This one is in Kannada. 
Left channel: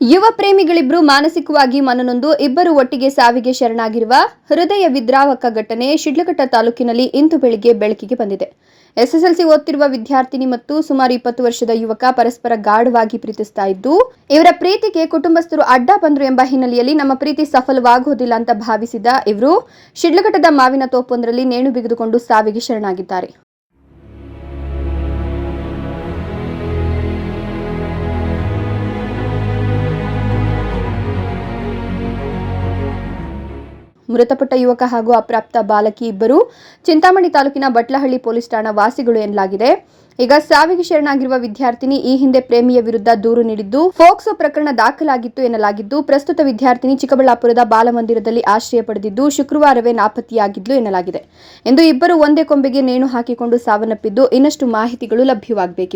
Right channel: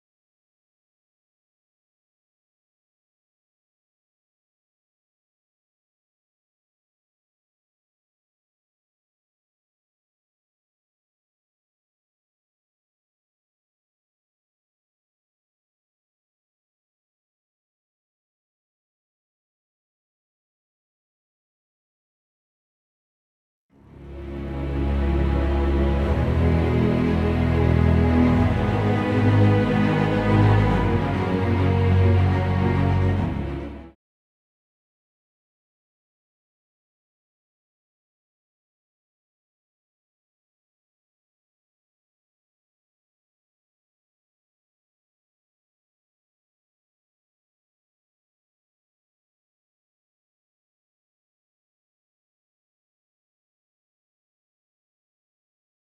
ಯುವ ಪ್ರೇಮಿಗಳಿಬ್ರು ಮಾನಸಿಕವಾಗಿ ಮನನೊಂದು ಇಬ್ಬರು ಒಟ್ಟಿಗೆ ಸಾವಿಗೆ ಶರಣಾಗಿರುವ ಹೃದಯ ವಿದ್ರಾವಕ ಘಟನೆ ಶಿಡ್ಲಘಟ್ಟ ತಾಲೂಕಿನಲ್ಲಿ ಇಂದು ಬೆಳಿಗ್ಗೆ ಬೆಳಕಿಗೆ ಬಂದಿದೆ. ಎಸ್ಎಸ್ಎಲ್ಸಿ ಓದ್ತಿರುವ ವಿದ್ಯಾರ್ಥಿನಿ ಮತ್ತು ಸುಮಾರು ಇಪ್ಪತ್ತು ವರ್ಷದ ಯುವಕ ಪರಸ್ಪರ ಗಾಢವಾಗಿ ಪ್ರೀತಿಸ್ತಾ ಇದ್ದು, ಇವರ ಪ್ರೀತಿಗೆ ಕುಟುಂಬಸ್ಥರು ಅಡ್ಡ ಬಂದ್ರು ಎಂಬ ಹಿನ್ನೆಲೆಯಲ್ಲಿ ನಮ್ಮ ಪ್ರೀತಿ ಸಫಲವಾಗುವುದಿಲ್ಲ ಅಂತ ಭಾವಿಸಿದ ಇವರು, ಶಿಡ್ಲಘಟ್ಟದ ಮಾವಿನ ತೋಪೊಂದರಲ್ಲಿ ನೇಣು ಬಿಗಿದುಕೊಂಡು ಸಾವಿಗೆ ಶರಣಾಗಿದ್ದಾರೆ. ಮೃತಪಟ್ಟ ಯುವಕ ಹಾಗೂ ಅಪ್ರಾಪ್ತ ಬಾಲಕಿ ಇಬ್ಬರು ಚಿಂತಾಮಣಿ ತಾಲೂಕಿನ ಬಟ್ಲಹಳ್ಳಿ ಪೊಲೀಸ್ ಠಾಣಾ ವಾಸಿಗಳು ಎನ್ನಲಾಗಿದೆ. ಈಗ ಸಾವಿಗೆ ಶರಣಾಗಿರುವ ವಿದ್ಯಾರ್ಥಿನಿ ಈ ಹಿಂದೆ ಪ್ರೇಮಿಯ ವಿರುದ್ಧ ದೂರು ನೀಡಿದ್ದು ಫೋಕ್ಸೋ ಪ್ರಕರಣ ದಾಖಲಾಗಿತ್ತು ಎನ್ನಲಾಗಿದ್ದು, ಪ್ರಸ್ತುತ ವಿದ್ಯಾರ್ಥಿನಿ ಚಿಕ್ಕಬಳ್ಳಾಪುರದ ಬಾಲಮಂದಿರದಲ್ಲಿ ಆಶ್ರಯ ಪಡೆದಿದ್ದು, ಶುಕ್ರವಾರವೇ ನಾಪತ್ತೆಯಾಗಿದ್ಲು ಎನ್ನಲಾಗಿದೆ. ಎಂದು ಇಬ್ಬರು ಒಂದೇ ಕೊಂಬೆಗೆ ನೇಣು ಹಾಕಿಕೊಂಡು ಸಾವನ್ನಪ್ಪಿದ್ದು ಇನ್ನಷ್ಟು ಮಾಹಿತಿಗಳು ಲಭ್ಯವಾಗಬೇಕಿದೆ.